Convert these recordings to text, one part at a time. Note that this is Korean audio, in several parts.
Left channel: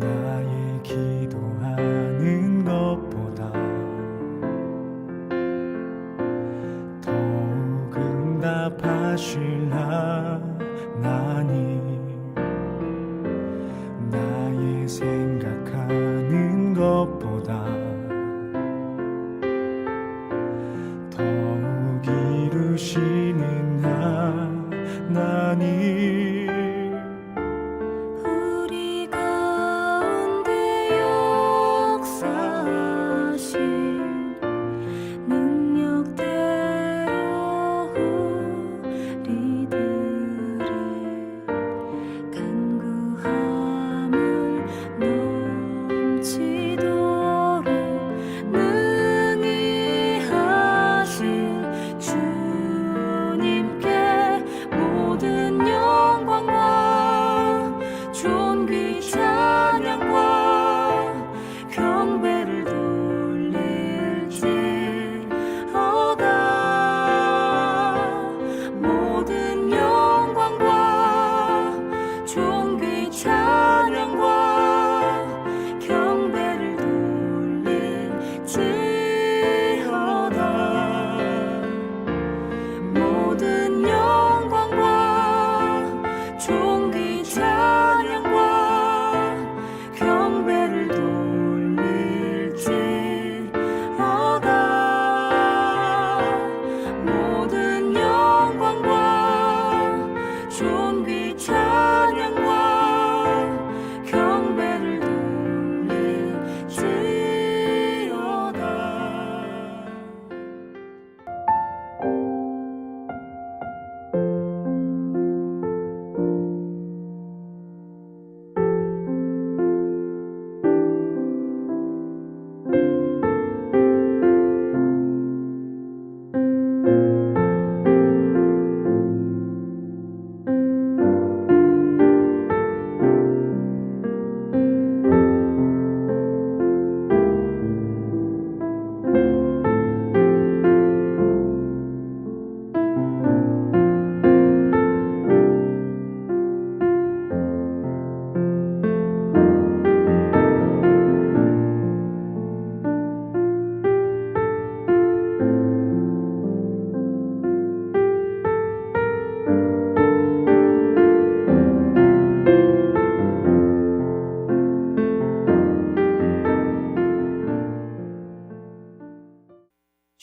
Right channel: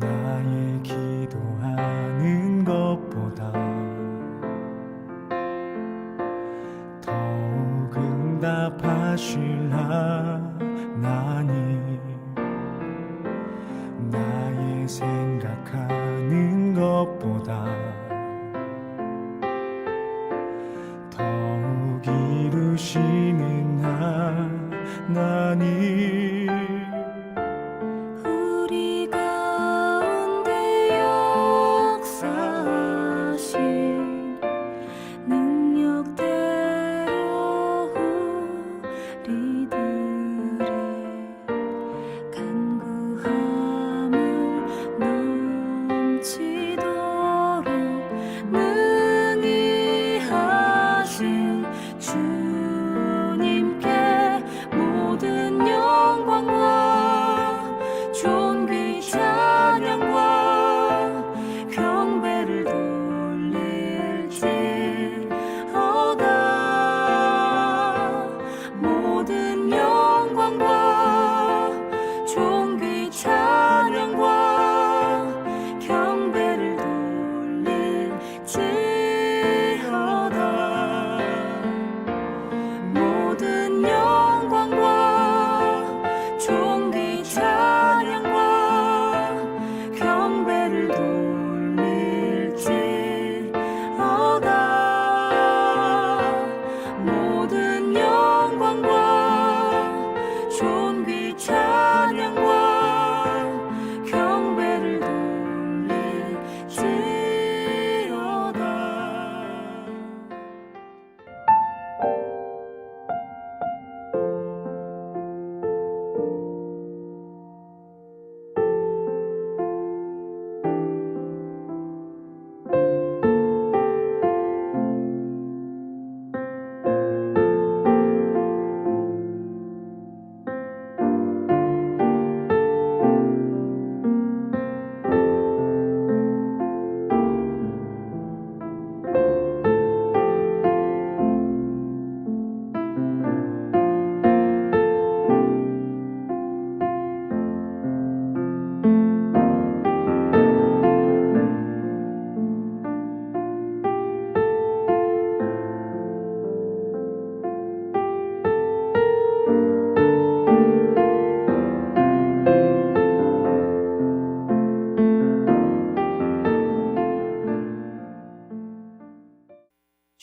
나의 기도하는 것보다 더욱 응답하실 하나님, 나의 생각하는 것보다 더욱 이루시는 하나님,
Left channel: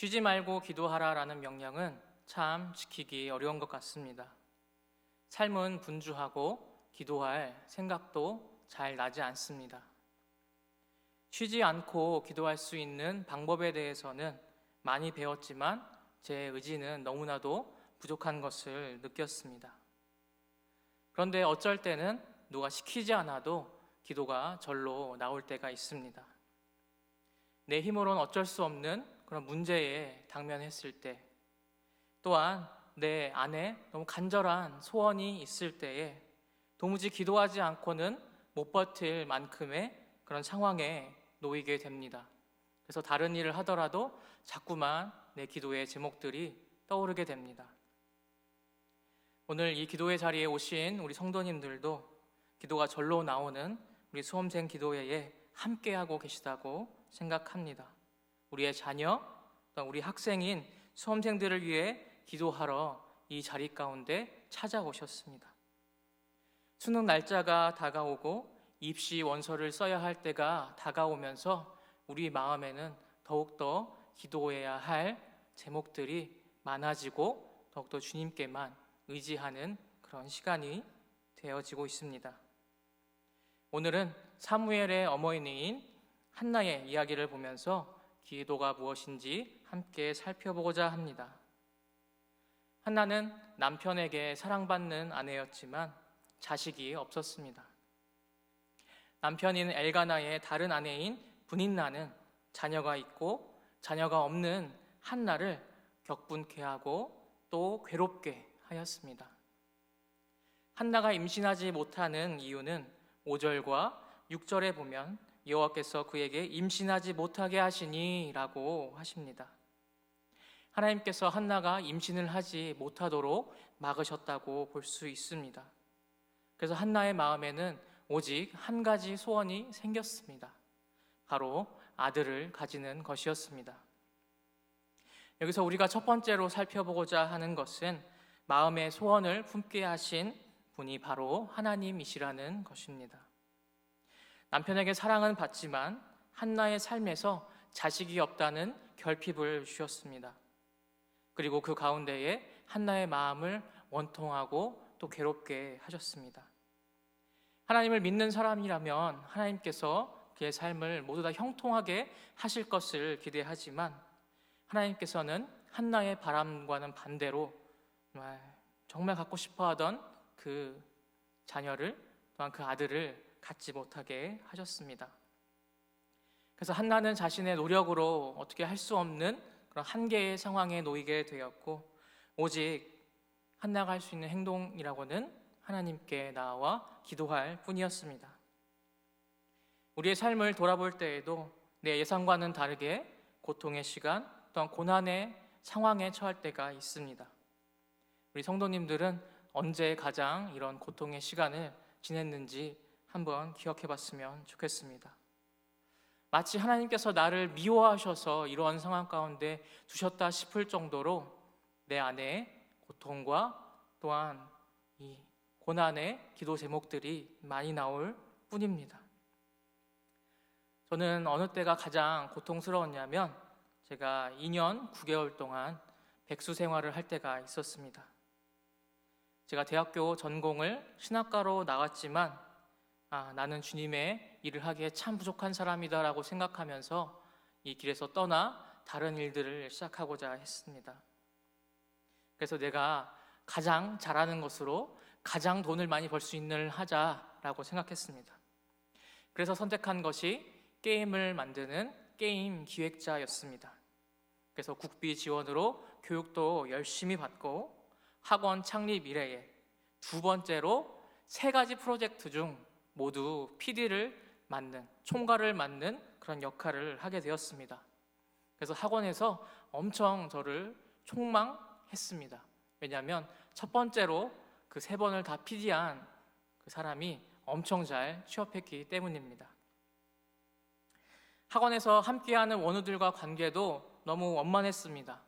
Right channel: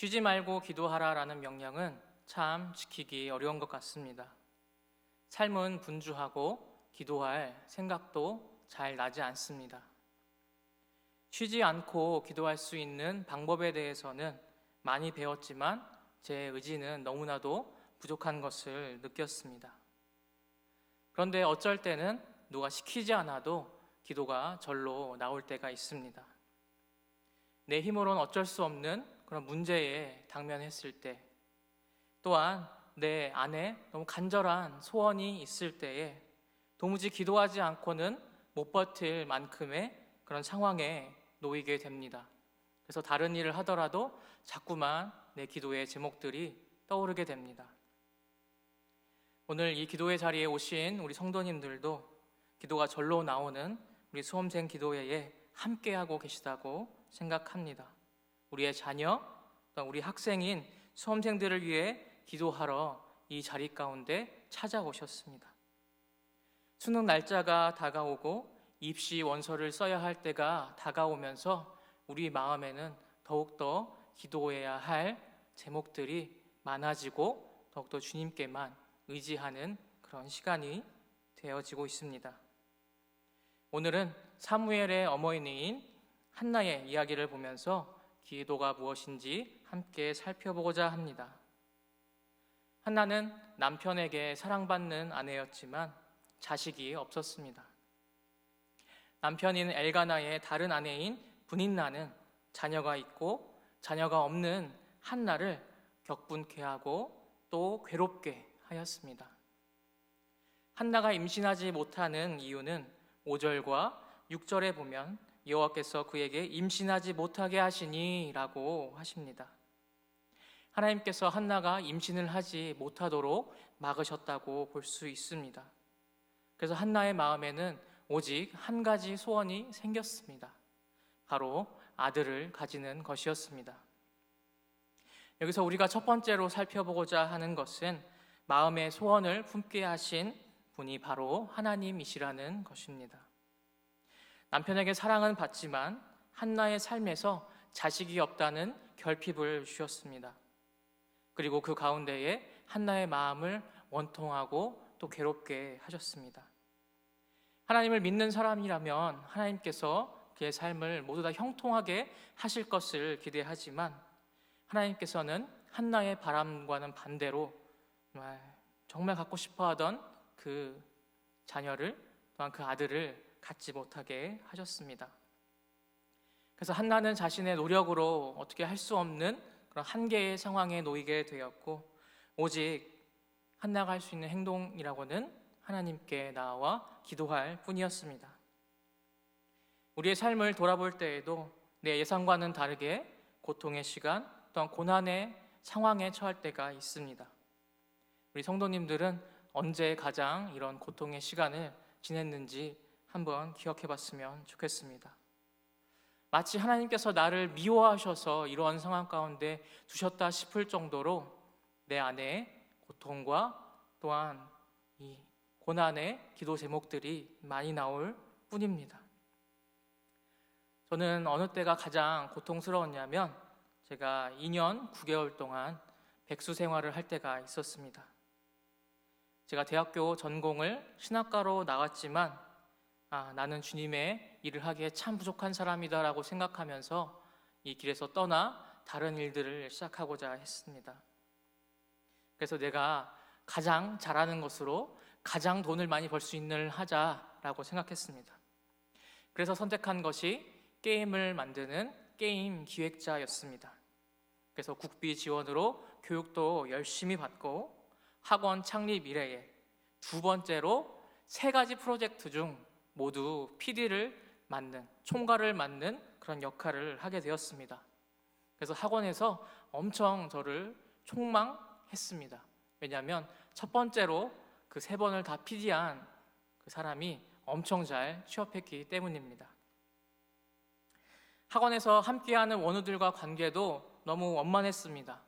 쉬지 말고 기도하라라는 명령은 참 지키기 어려운 것 같습니다. 삶은 분주하고 기도할 생각도 잘 나지 않습니다. 쉬지 않고 기도할 수 있는 방법에 대해서는 많이 배웠지만 제 의지는 너무나도 부족한 것을 느꼈습니다. 그런데 어쩔 때는 누가 시키지 않아도 기도가 절로 나올 때가 있습니다. 내 힘으로는 어쩔 수 없는 그런 문제에 당면했을 때, 또한 내 안에 너무 간절한 소원이 있을 때에 도무지 기도하지 않고는 못 버틸 만큼의 그런 상황에 놓이게 됩니다. 그래서 다른 일을 하더라도 자꾸만 내 기도의 제목들이 떠오르게 됩니다. 오늘 이 기도의 자리에 오신 우리 성도님들도 기도가 절로 나오는 우리 수험생 기도회에 함께하고 계시다고 생각합니다. 우리의 자녀, 또 우리 학생인 수험생들을 위해 기도하러 이 자리 가운데 찾아오셨습니다. 수능 날짜가 다가오고 입시 원서를 써야 할 때가 다가오면서 우리 마음에는 더욱더 기도해야 할 제목들이 많아지고 더욱더 주님께만 의지하는 그런 시간이 되어지고 있습니다. 오늘은 사무엘의 어머니인 한나의 이야기를 보면서 기도가 무엇인지 함께 살펴보고자 합니다. 한나는 남편에게 사랑받는 아내였지만 자식이 없었습니다. 남편인 엘가나의 다른 아내인 브닌나는 자녀가 있고 자녀가 없는 한나를 격분케 하고 또 괴롭게 하였습니다. 한나가 임신하지 못하는 이유는 5절과 6절에 보면 여호와께서 그에게 임신하지 못하게 하시니 라고 하십니다. 하나님께서 한나가 임신을 하지 못하도록 막으셨다고 볼 수 있습니다. 그래서 한나의 마음에는 오직 한 가지 소원이 생겼습니다. 바로 아들을 가지는 것이었습니다. 여기서 우리가 첫 번째로 살펴보고자 하는 것은 마음의 소원을 품게 하신 분이 바로 하나님이시라는 것입니다. 남편에게 사랑은 받지만 한나의 삶에서 자식이 없다는 결핍을 주셨습니다. 그리고 그 가운데에 한나의 마음을 원통하고 또 괴롭게 하셨습니다. 하나님을 믿는 사람이라면 하나님께서 그의 삶을 모두 다 형통하게 하실 것을 기대하지만 하나님께서는 한나의 바람과는 반대로 정말 갖고 싶어하던 그 자녀를 또한 그 아들을 갖지 못하게 하셨습니다. 그래서 한나는 자신의 노력으로 어떻게 할 수 없는 그런 한계의 상황에 놓이게 되었고 오직 한나가 할 수 있는 행동이라고는 하나님께 나아와 기도할 뿐이었습니다. 우리의 삶을 돌아볼 때에도 내 예상과는 다르게 고통의 시간 또한 고난의 상황에 처할 때가 있습니다. 우리 성도님들은 언제 가장 이런 고통의 시간을 지냈는지 한번 기억해 봤으면 좋겠습니다. 마치 하나님께서 나를 미워하셔서 이러한 상황 가운데 두셨다 싶을 정도로 내 안에 고통과 또한 이 고난의 기도 제목들이 많이 나올 뿐입니다. 저는 어느 때가 가장 고통스러웠냐면 제가 2년 9개월 동안 백수 생활을 할 때가 있었습니다. 제가 대학교 전공을 신학과로 나왔지만 나는 주님의 일을 하기에 참 부족한 사람이다라고 생각하면서 이 길에서 떠나 다른 일들을 시작하고자 했습니다. 그래서 내가 가장 잘하는 것으로 가장 돈을 많이 벌 수 있는 일을 하자라고 생각했습니다. 그래서 선택한 것이 게임을 만드는 게임 기획자였습니다. 그래서 국비 지원으로 교육도 열심히 받고 학원 창립 이래에 두 번째로 3가지 프로젝트 중 모두 PD를 맡는, 총괄을 맡는 그런 역할을 하게 되었습니다. 그래서 학원에서 엄청 저를 총망했습니다. 왜냐하면 첫 번째로 그 3번을 다 PD한 그 사람이 엄청 잘 취업했기 때문입니다. 학원에서 함께하는 원우들과 관계도 너무 원만했습니다.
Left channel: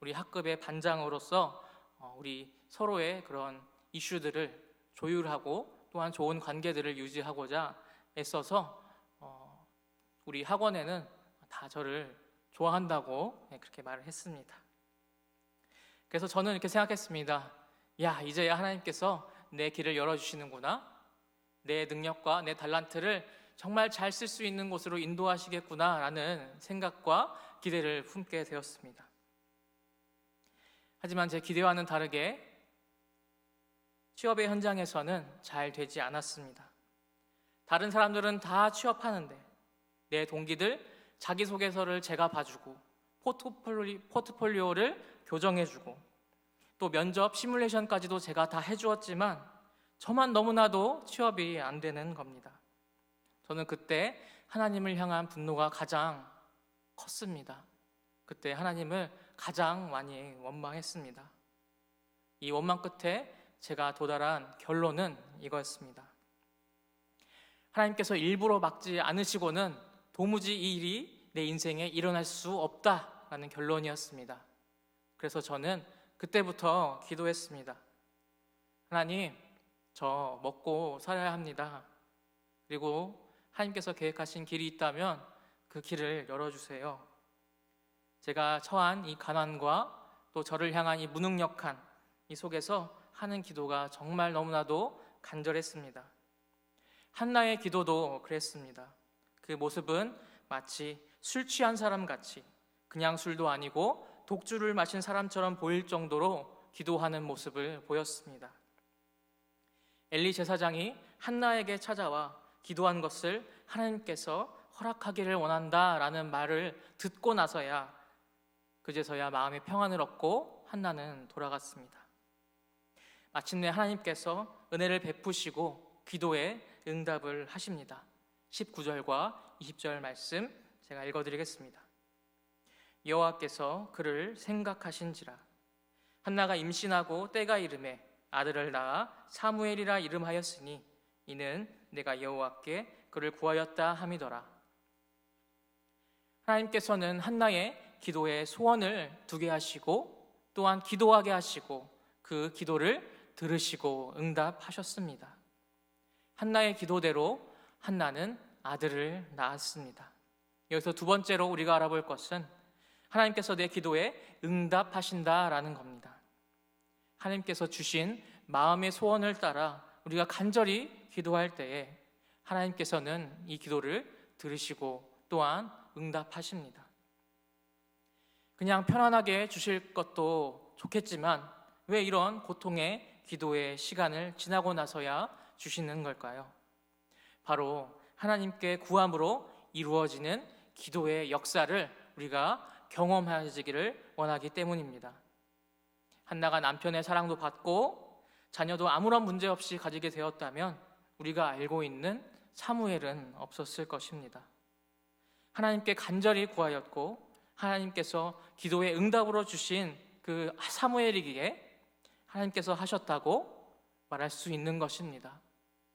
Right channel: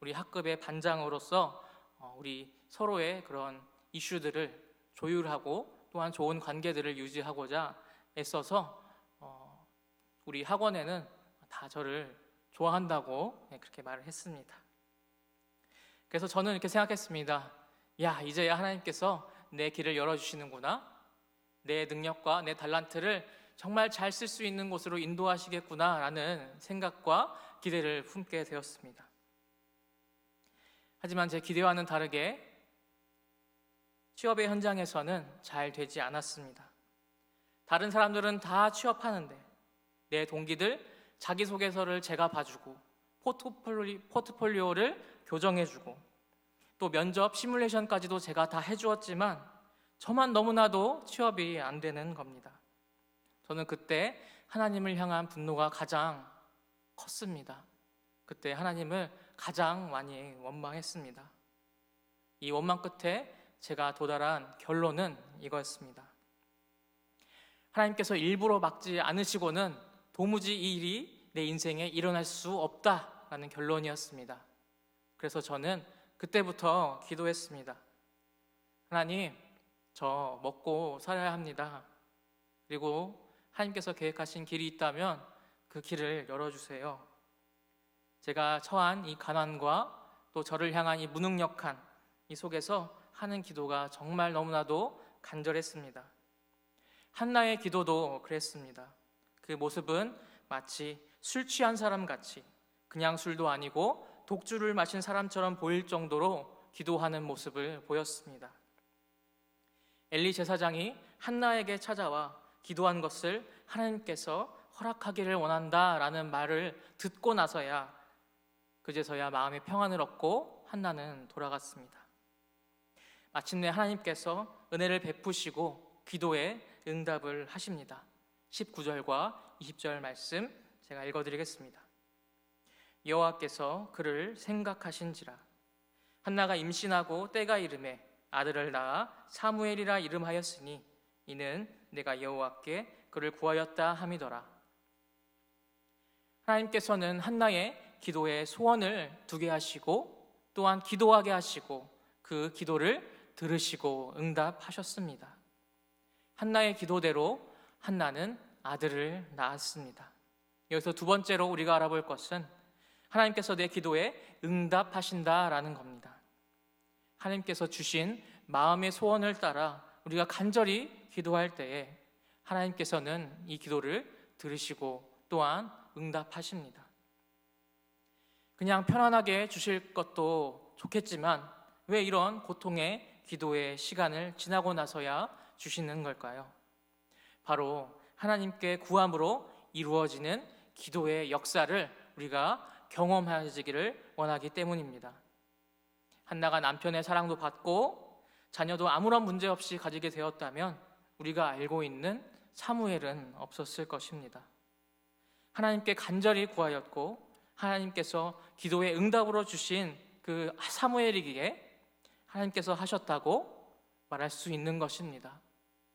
우리 학급의 반장으로서 우리 서로의 그런 이슈들을 조율하고 또한 좋은 관계들을 유지하고자 애써서 우리 학원에는 다 저를 좋아한다고 그렇게 말을 했습니다. 그래서 저는 이렇게 생각했습니다. 이제야 하나님께서 내 길을 열어주시는구나. 내 능력과 내 달란트를 정말 잘 쓸 수 있는 곳으로 인도하시겠구나 라는 생각과 기대를 품게 되었습니다. 하지만 제 기대와는 다르게 취업의 현장에서는 잘 되지 않았습니다. 다른 사람들은 다 취업하는데 내 동기들 자기소개서를 제가 봐주고 포트폴리오를 교정해주고 또 면접 시뮬레이션까지도 제가 다 해주었지만 저만 너무나도 취업이 안 되는 겁니다. 저는 그때 하나님을 향한 분노가 가장 컸습니다. 그때 하나님을 가장 많이 원망했습니다. 이 원망 끝에 제가 도달한 결론은 이거였습니다. 하나님께서 일부러 막지 않으시고는 도무지 이 일이 내 인생에 일어날 수 없다라는 결론이었습니다. 그래서 저는 그때부터 기도했습니다. 하나님, 저 먹고 살아야 합니다. 그리고 하나님께서 계획하신 길이 있다면 그 길을 열어주세요. 제가 처한 이 가난과 또 저를 향한 이 무능력한 이 속에서 하는 기도가 정말 너무나도 간절했습니다. 한나의 기도도 그랬습니다. 그 모습은 마치 술 취한 사람 같이 그냥 술도 아니고 독주를 마신 사람처럼 보일 정도로 기도하는 모습을 보였습니다. 엘리 제사장이 한나에게 찾아와 기도한 것을 하나님께서 허락하기를 원한다라는 말을 듣고 나서야 그제서야 마음의 평안을 얻고 한나는 돌아갔습니다. 마침내 하나님께서 은혜를 베푸시고 기도에 응답을 하십니다. 19절과 20절 말씀 제가 읽어드리겠습니다. 여호와께서 그를 생각하신지라. 한나가 임신하고 때가 이르매 아들을 낳아 사무엘이라 이름하였으니 이는 내가 여호와께 그를 구하였다 함이더라. 하나님께서는 한나의 기도에 소원을 두게 하시고 또한 기도하게 하시고 그 기도를 들으시고 응답하셨습니다. 한나의 기도대로 한나는 아들을 낳았습니다. 여기서 두 번째로 우리가 알아볼 것은 하나님께서 내 기도에 응답하신다라는 겁니다. 하나님께서 주신 마음의 소원을 따라 우리가 간절히 기도할 때에 하나님께서는 이 기도를 들으시고 또한 응답하십니다. 그냥 편안하게 주실 것도 좋겠지만 왜 이런 고통의 기도의 시간을 지나고 나서야 주시는 걸까요? 바로 하나님께 구함으로 이루어지는 기도의 역사를 우리가 경험하시기를 원하기 때문입니다. 한나가 남편의 사랑도 받고 자녀도 아무런 문제 없이 가지게 되었다면 우리가 알고 있는 사무엘은 없었을 것입니다. 하나님께 간절히 구하였고 하나님께서 기도의 응답으로 주신 그 사무엘이기에 하나님께서 하셨다고 말할 수 있는 것입니다.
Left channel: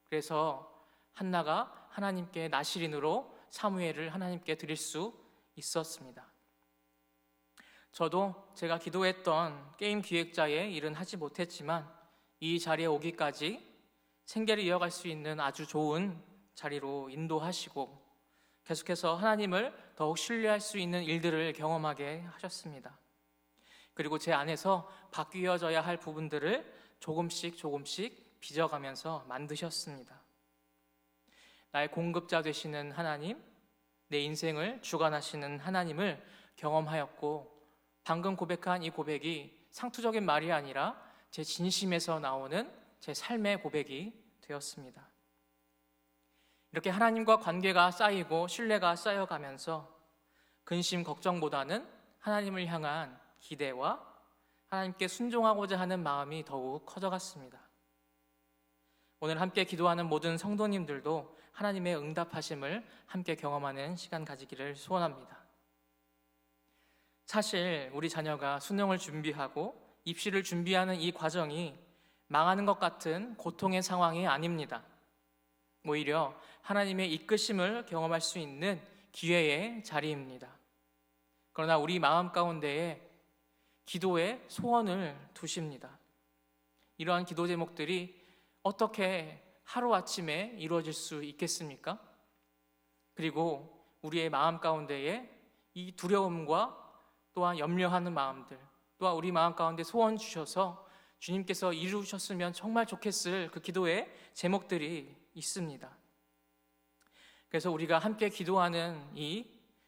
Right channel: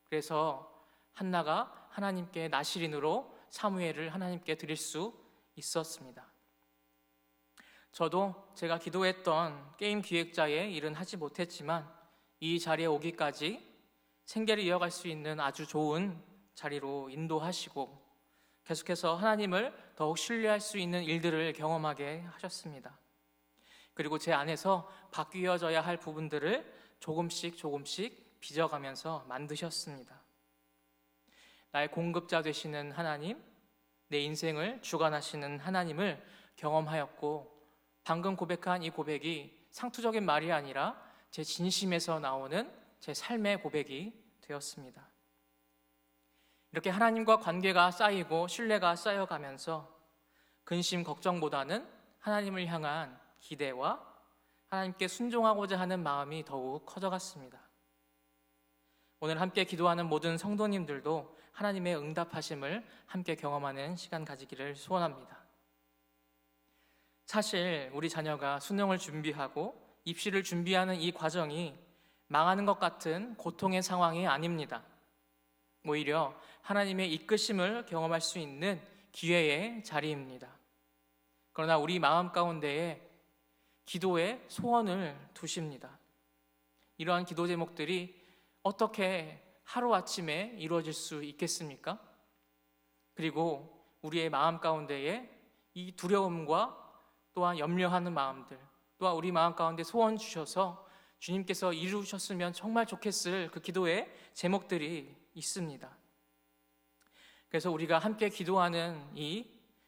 그래서 한나가 하나님께 나시린으로 사무엘을 하나님께 드릴 수 있었습니다. 저도 제가 기도했던 게임 기획자의 일은 하지 못했지만 이 자리에 오기까지 생계를 이어갈 수 있는 아주 좋은 자리로 인도하시고 계속해서 하나님을 더욱 신뢰할 수 있는 일들을 경험하게 하셨습니다. 그리고 제 안에서 바뀌어져야 할 부분들을 조금씩 빚어가면서 만드셨습니다. 나의 공급자 되시는 하나님, 내 인생을 주관하시는 하나님을 경험하였고 방금 고백한 이 고백이 상투적인 말이 아니라 제 진심에서 나오는 제 삶의 고백이 되었습니다. 이렇게 하나님과 관계가 쌓이고 신뢰가 쌓여가면서 근심 걱정보다는 하나님을 향한 기대와 하나님께 순종하고자 하는 마음이 더욱 커져갔습니다. 오늘 함께 기도하는 모든 성도님들도 하나님의 응답하심을 함께 경험하는 시간 가지기를 소원합니다. 사실 우리 자녀가 수능을 준비하고 입시를 준비하는 이 과정이 망하는 것 같은 고통의 상황이 아닙니다. 오히려 하나님의 이끄심을 경험할 수 있는 기회의 자리입니다. 그러나 우리 마음 가운데에 기도의 소원을 두십니다. 이러한 기도 제목들이 어떻게 하루아침에 이루어질 수 있겠습니까? 그리고 우리의 마음 가운데에 이 두려움과 또한 염려하는 마음들, 또한 우리 마음 가운데 소원 주셔서 주님께서 이루셨으면 정말 좋겠을 그 기도의 제목들이 있습니다. 그래서 우리가 함께 기도하는 이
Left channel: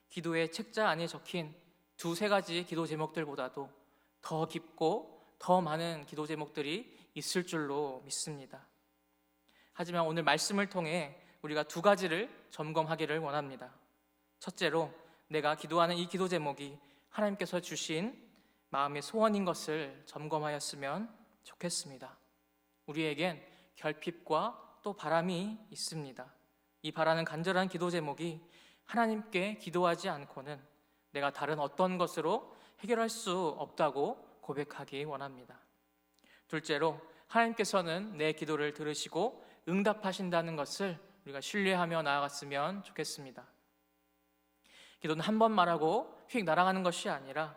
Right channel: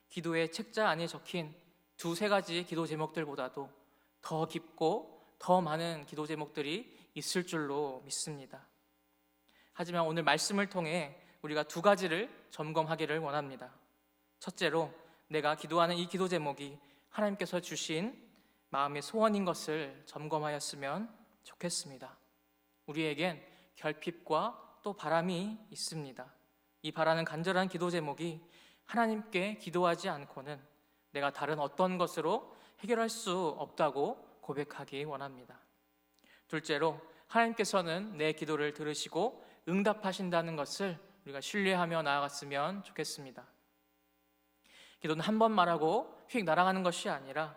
기도의 책자 안에 적힌 두세 가지 기도 제목들보다도 더 깊고 더 많은 기도 제목들이 있을 줄로 믿습니다. 하지만 오늘 말씀을 통해 우리가 두 가지를 점검하기를 원합니다. 첫째로 내가 기도하는 이 기도 제목이 하나님께서 주신 마음의 소원인 것을 점검하였으면 좋겠습니다. 우리에겐 결핍과 또 바람이 있습니다. 이 바라는 간절한 기도 제목이 하나님께 기도하지 않고는 내가 다른 어떤 것으로 해결할 수 없다고 고백하기 원합니다. 둘째로 하나님께서는 내 기도를 들으시고 응답하신다는 것을 우리가 신뢰하며 나아갔으면 좋겠습니다. 기도는 한 번 말하고 휙 날아가는 것이 아니라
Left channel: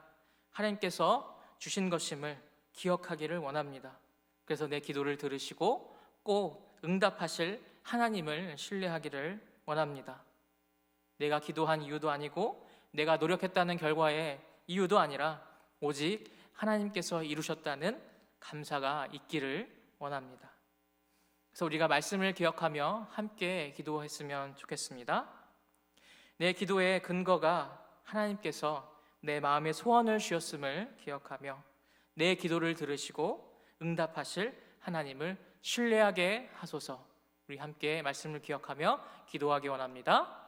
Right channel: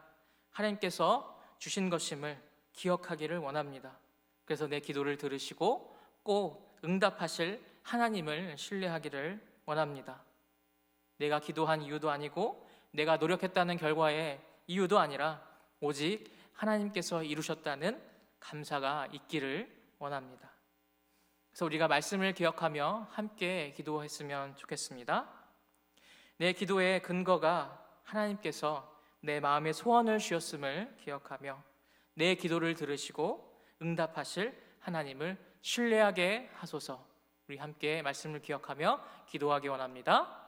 하나님께서 주신 것임을 기억하기를 원합니다. 그래서 내 기도를 들으시고 꼭 응답하실 하나님을 신뢰하기를 원합니다. 내가 기도한 이유도 아니고 내가 노력했다는 결과의 이유도 아니라 오직 하나님께서 이루셨다는 감사가 있기를 원합니다. 그래서 우리가 말씀을 기억하며 함께 기도했으면 좋겠습니다. 내 기도의 근거가 하나님께서 내 마음의 소원을 주셨음을 기억하며 내 기도를 들으시고 응답하실 하나님을 신뢰하게 하소서. 우리 함께 말씀을 기억하며 기도하기 원합니다.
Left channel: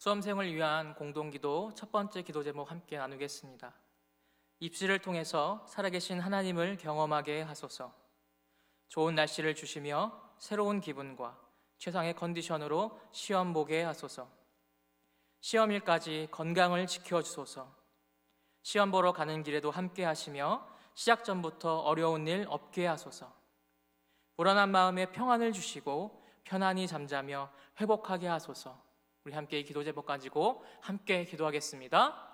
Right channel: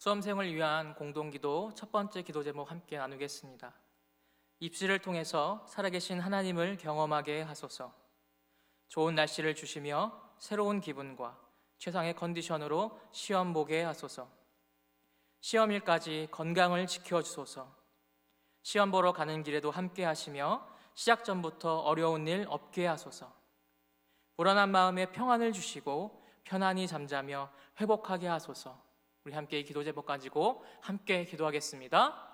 수험생을 위한 공동기도 첫 번째 기도 제목 함께 나누겠습니다. 입시를 통해서 살아계신 하나님을 경험하게 하소서. 좋은 날씨를 주시며 새로운 기분과 최상의 컨디션으로 시험 보게 하소서. 시험일까지 건강을 지켜주소서. 시험 보러 가는 길에도 함께 하시며 시작 전부터 어려운 일 없게 하소서. 불안한 마음에 평안을 주시고 편안히 잠자며 회복하게 하소서. 우리 함께 이 기도 제목 가지고 함께 기도하겠습니다.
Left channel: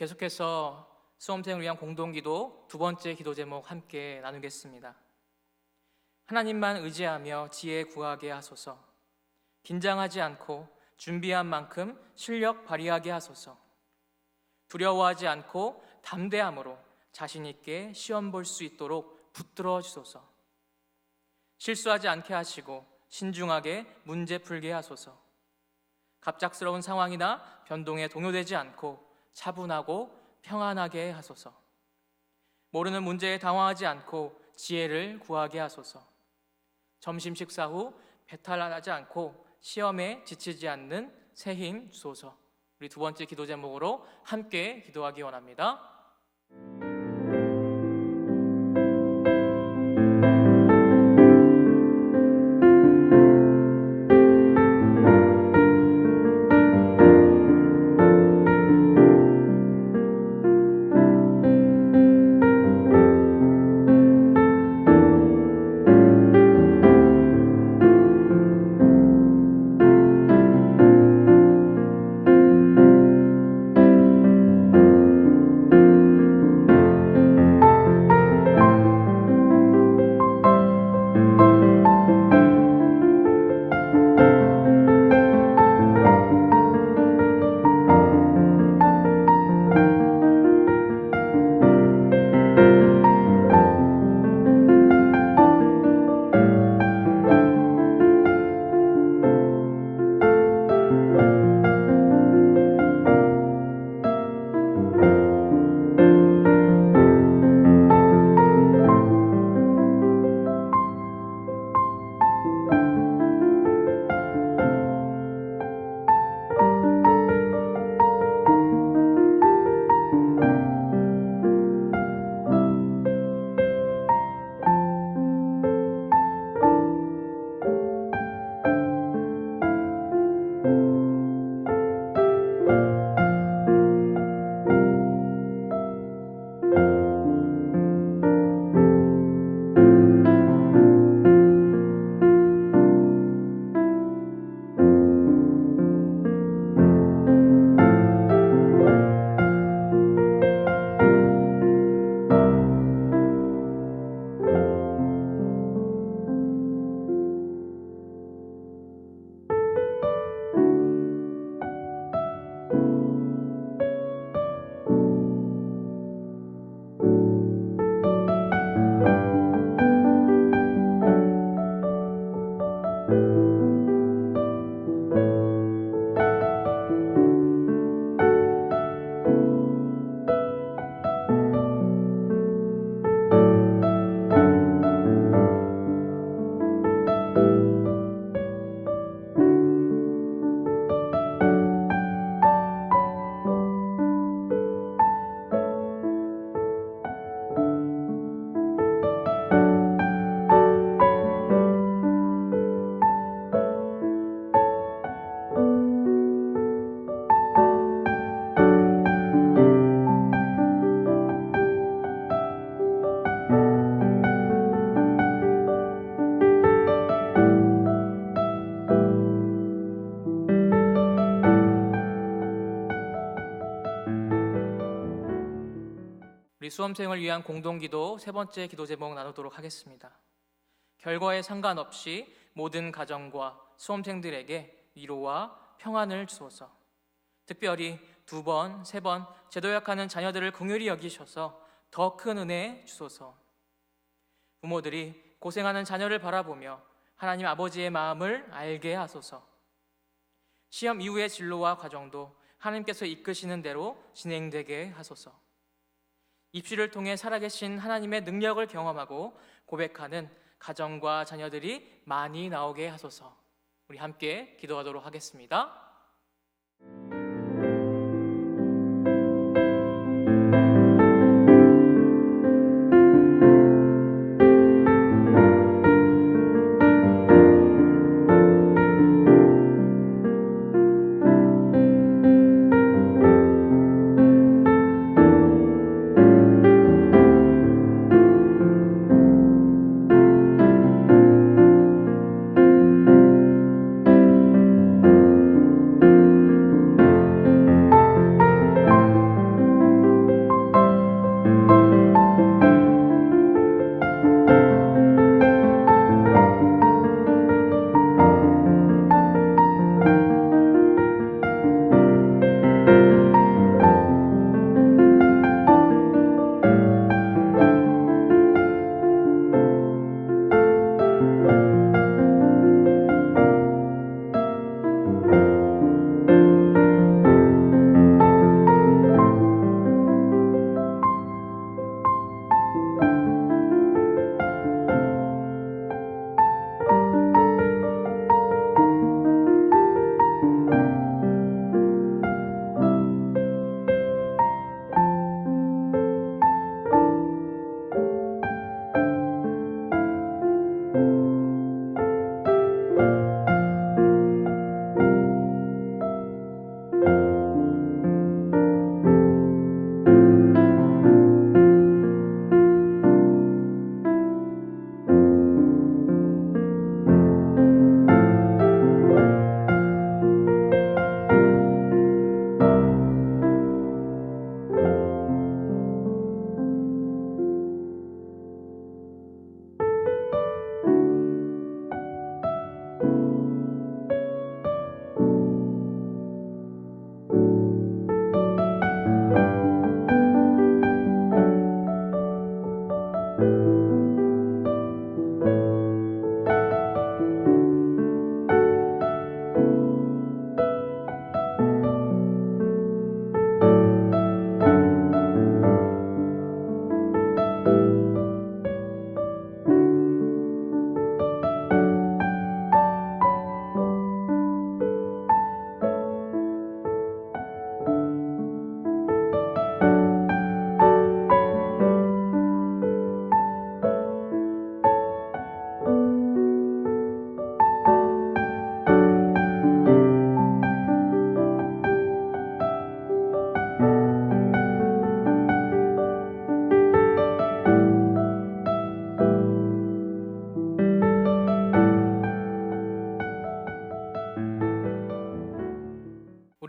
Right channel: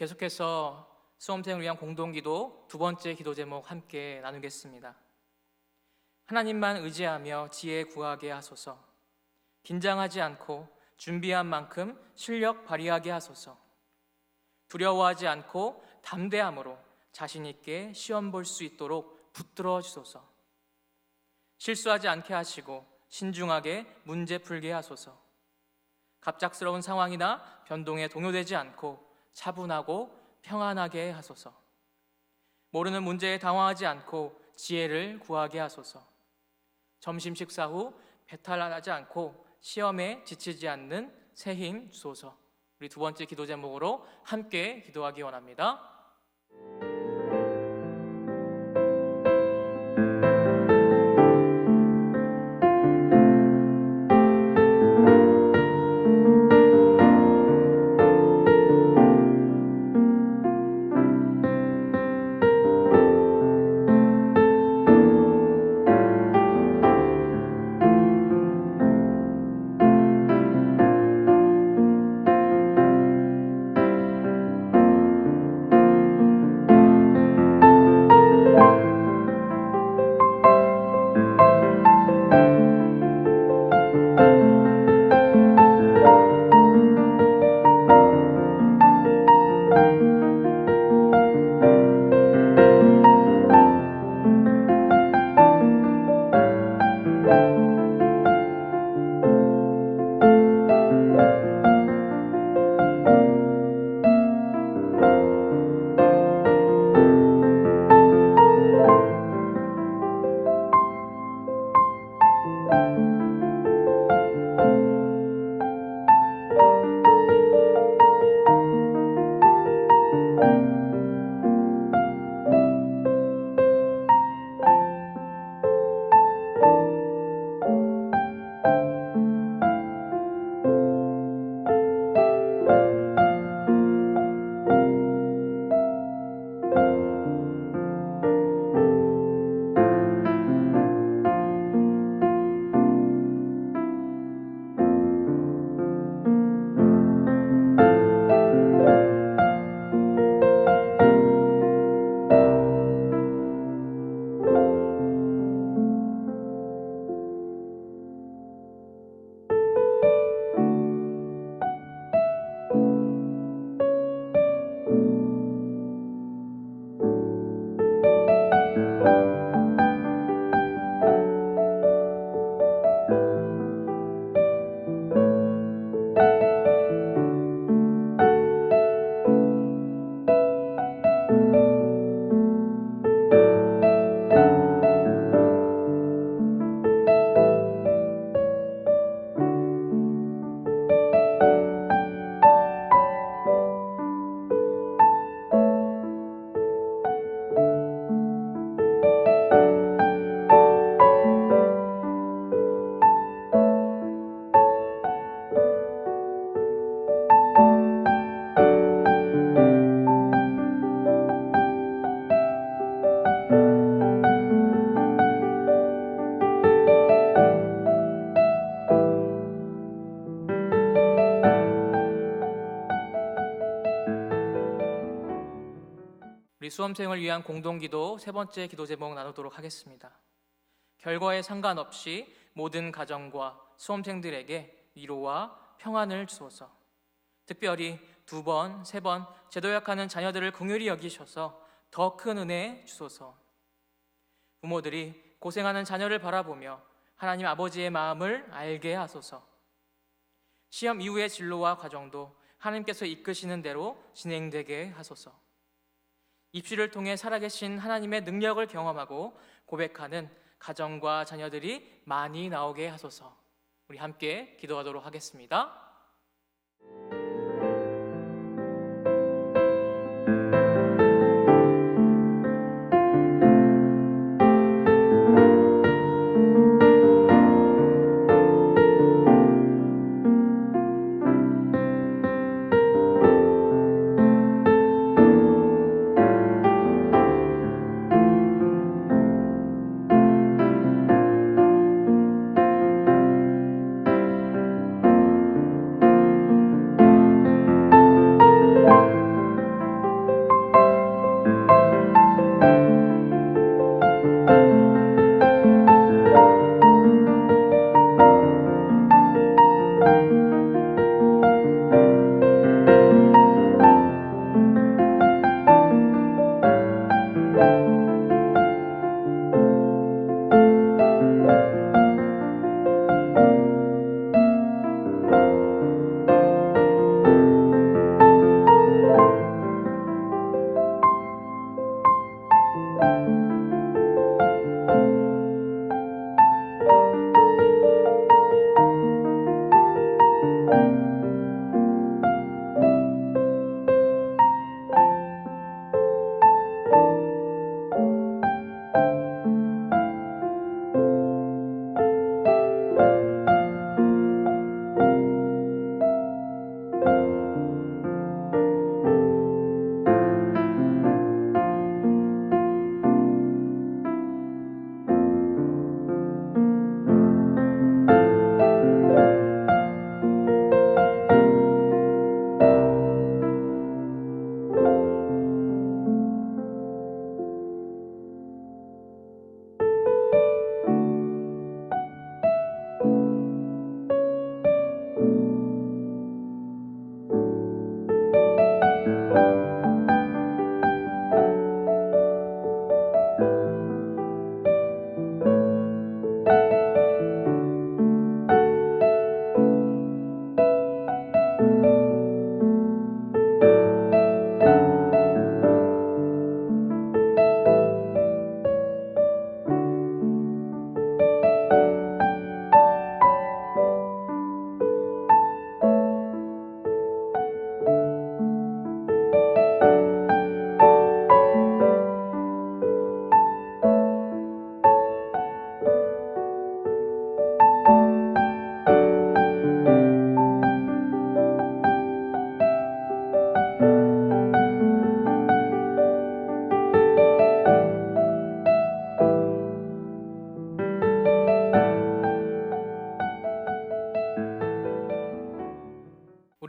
계속해서 수험생을 위한 공동기도 두 번째 기도 제목 함께 나누겠습니다. 하나님만 의지하며 지혜 구하게 하소서. 긴장하지 않고 준비한 만큼 실력 발휘하게 하소서. 두려워하지 않고 담대함으로 자신 있게 시험 볼 수 있도록 붙들어 주소서. 실수하지 않게 하시고 신중하게 문제 풀게 하소서. 갑작스러운 상황이나 변동에 동요되지 않고 차분하고 평안하게 하소서. 모르는 문제에 당황하지 않고 지혜를 구하게 하소서. 점심 식사 후 배탈나지 않고 시험에 지치지 않는 새 힘 주소서. 우리 두 번째 기도 제목으로 함께 기도하기 원합니다. 우리 수험생을 위한 공동기도 세 번째 기도 제목 나누도록 하겠습니다. 결과에 상관없이 모든 가정과 수험생들에게 위로와 평안을 주소서. 특별히 두 번, 세 번 제도약하는 자녀들을 긍휼히 여기셔서 더 큰 은혜 주소서. 부모들이 고생하는 자녀를 바라보며 하나님 아버지의 마음을 알게 하소서. 시험 이후의 진로와 과정도 하나님께서 이끄시는 대로 진행되게 하소서. 입시를 통해 살아계신 하나님의 능력을 경험하고 고백하는 가정과 자녀들이 많이 나오게 하소서. 우리 함께 기도하도록 하겠습니다.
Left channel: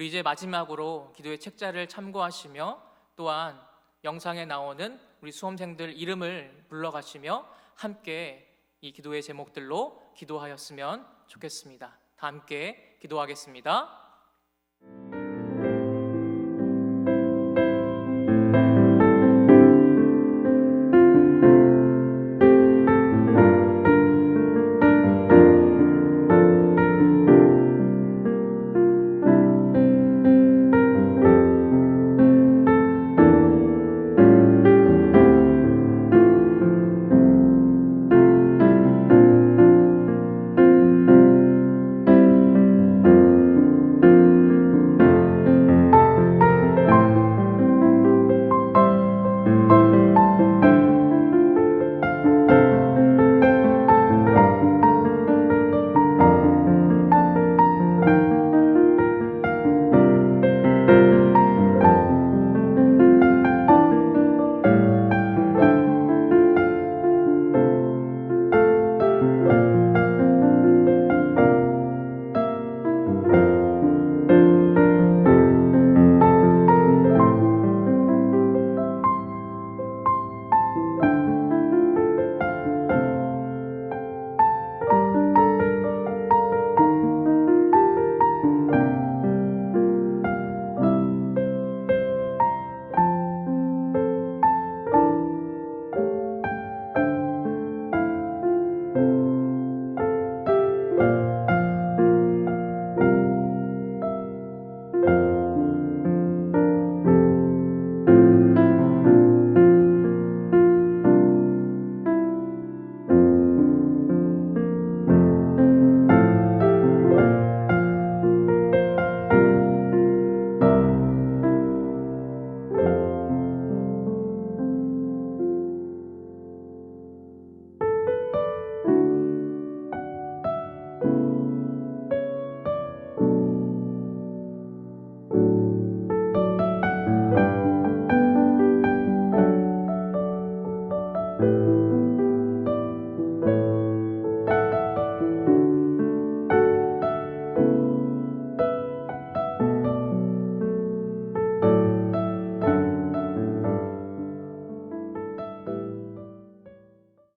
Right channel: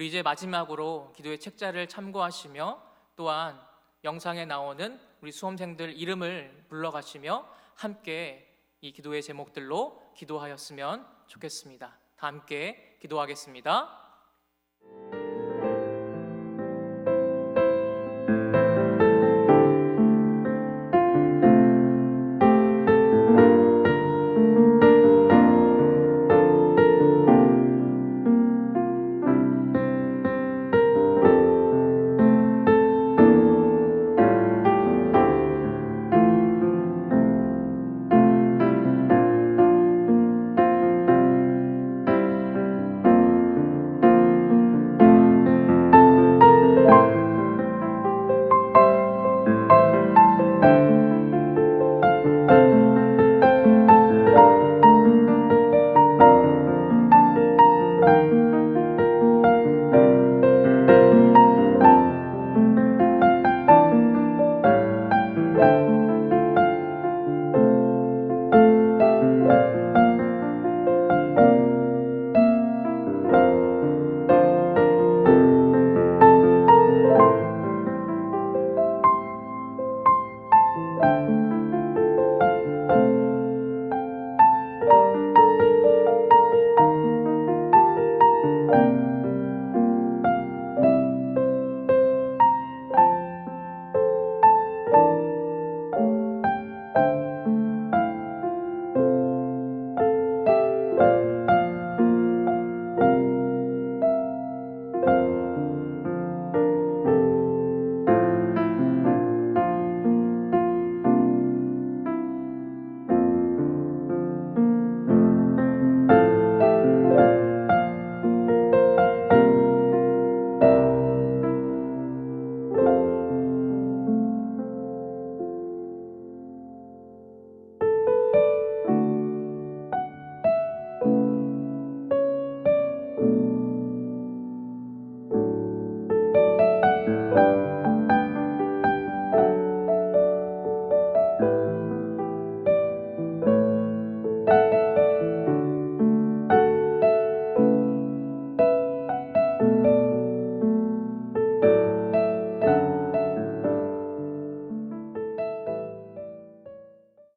우리 이제 마지막으로 기도의 책자를 참고하시며 또한 영상에 나오는 우리 수험생들 이름을 불러가시며 함께 이 기도의 제목들로 기도하였으면 좋겠습니다. 다 함께 기도하겠습니다.